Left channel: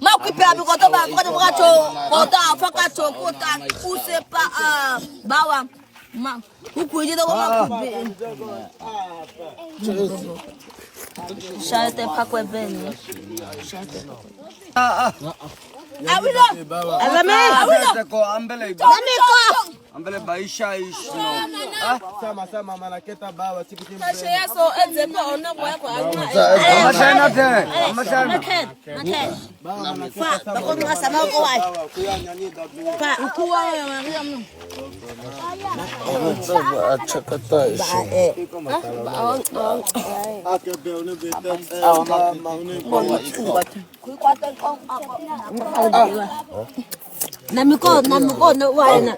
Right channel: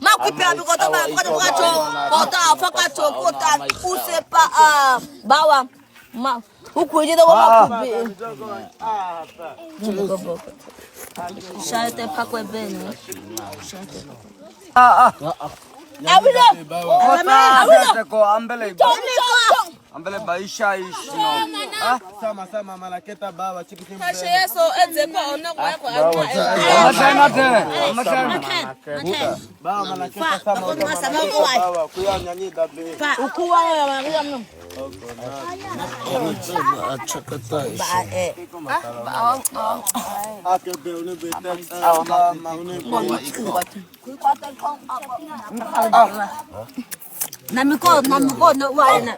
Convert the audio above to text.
Makupia bikoto ba ko bracho kota afakacho kota usepa bawa ma ukuji do makubi shate pakwe beni shate awilo awilo ko ambele ambele baisha ishi no sama malaketa bawa chikitim kashe yeso edzeko ona kwa yako alma amashana te bawa malaketa sama ko sama ko wai pa ukuwa ya maria mno achakata akabe une beta maune na miko na wai na